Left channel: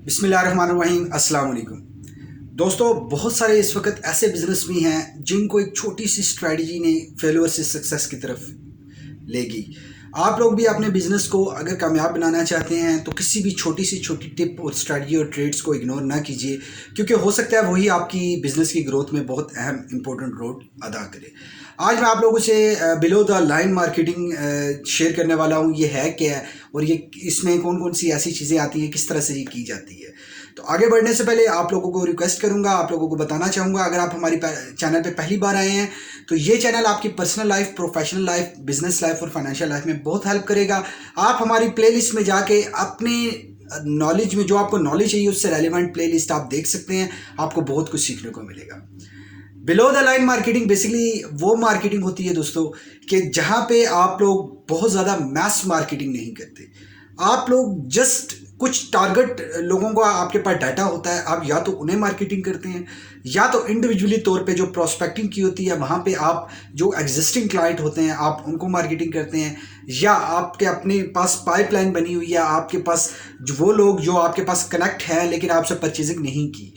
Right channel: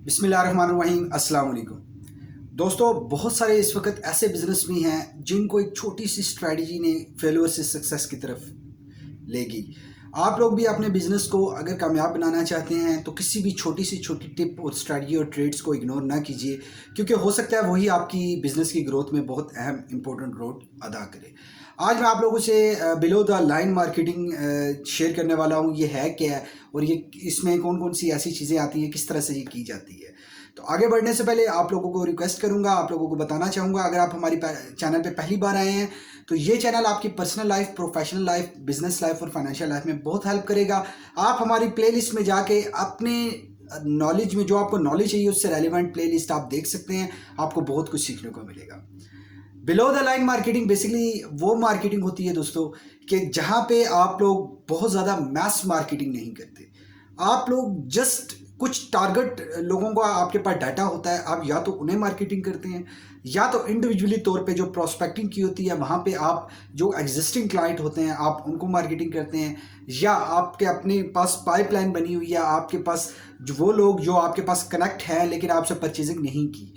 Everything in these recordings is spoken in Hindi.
बिस्मिल्लाहिर्रहमानिर्रहीम, अस्सलाम वालेकुम। दोस्तों, बहुत सारे इस वक्त ऐसे बिजनेस भी हैं जिनको एक छोटी सी स्ट्रेटजी ने फेलियर से सक्सेस की तरफ लेगी। आप लोग भी अपने बिजनेस को अगर कामयाब बनाना चाहते हैं तो किसी भी छोटी सी छोटी टिप और स्ट्रेटजी और ट्रेड्स को इग्नोर ना कीजिए, क्योंकि हो सकता है वही आपकी बिजनेस की ग्रोथ में बहुत अहम इंपॉर्टेंट रोल अदा करे। आज मैं आप लोगों से below the line marketing share करने वाला हूँ। ये है क्या है और ये इसमें कौन कौन सी ऐसी चीज़ें आती हैं, किस तरह से ये की जाती है। तो आगे बढ़ने से पहले आप लोगों को रिक्वेस्ट करूंगा, आप लोगों को बताना चाहूँगा, अगर आप हमारी चैनल पे पहली बार आए हैं तो ये चैनल आपकी personal life, professional life, business life और फाइनेंशियल लाइफ में बहुत हेल्प करेगा। आप हमारी प्लेलिस्ट में जाके अपने नॉलेज में जो आपको नॉलेज चाहिए उससे रेलिवेंट प्लेलिस्ट आप देख सकते हैं, आपको बहुत कुछ सीखने को मिलेगा। Below the line marketing basically वो मार्केटिंग होती है दोस्तों कि जहाँ पे आप लोग बहुत ज़्यादा मैस मार्केटिंग नहीं करते। आप लोग जस्ट कुछ टारगेट लोगों का आपके पास डाटा होता है, आप या तो उन्हें मार्केटिंग करते हैं या तो इंडिविजुअली तौर पे जो प्रोस्पेक्टिंग की होती है वहाँ पे आप जो एग्जिस्टिंग क्लाइंट होते हैं आप उनको मार्केटिंग करते हैं, या आपके अपने पास पाइपलाइन बनी हुई है, आपके पास वो लोग जो आपके पास कनेक्ट हैं लेकिन आपसे परचेजिंग नहीं की,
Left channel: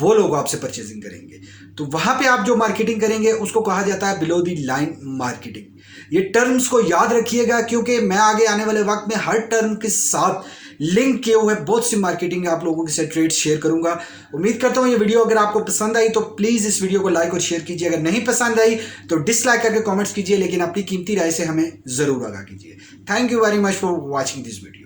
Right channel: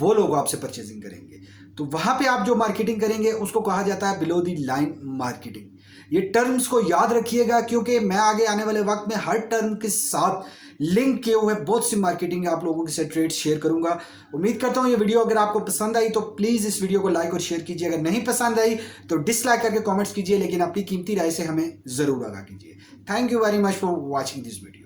वो लोग आपसे परचेजिंग करेंगे। तो वहां पे आप जो मार्केटिंग करेंगे उसको कहा जाता है बिलो द लाइन मार्केटिंग। ये टर्म्स को याद रखिएगा, क्योंकि मैं आगे आने वाले वक्त में हर टर्म के साथ लिंक किए हुए बहुत सी मार्केटिंग आप लोगों के साथ ट्रेड्स शेयर करूंगा। उम्मीद करता हूं ये वीडियो अगर आपको पसंद आई तो प्लीज इस वीडियो को लाइक और शेयर कीजिए। अगर नहीं पसंद आई तो डिसलाइक करके कमेंट्स कीजिए, लेकिन अपनी कीमती राय से हमें जरूर आगाह कीजिए। Thank you very much for watching this video.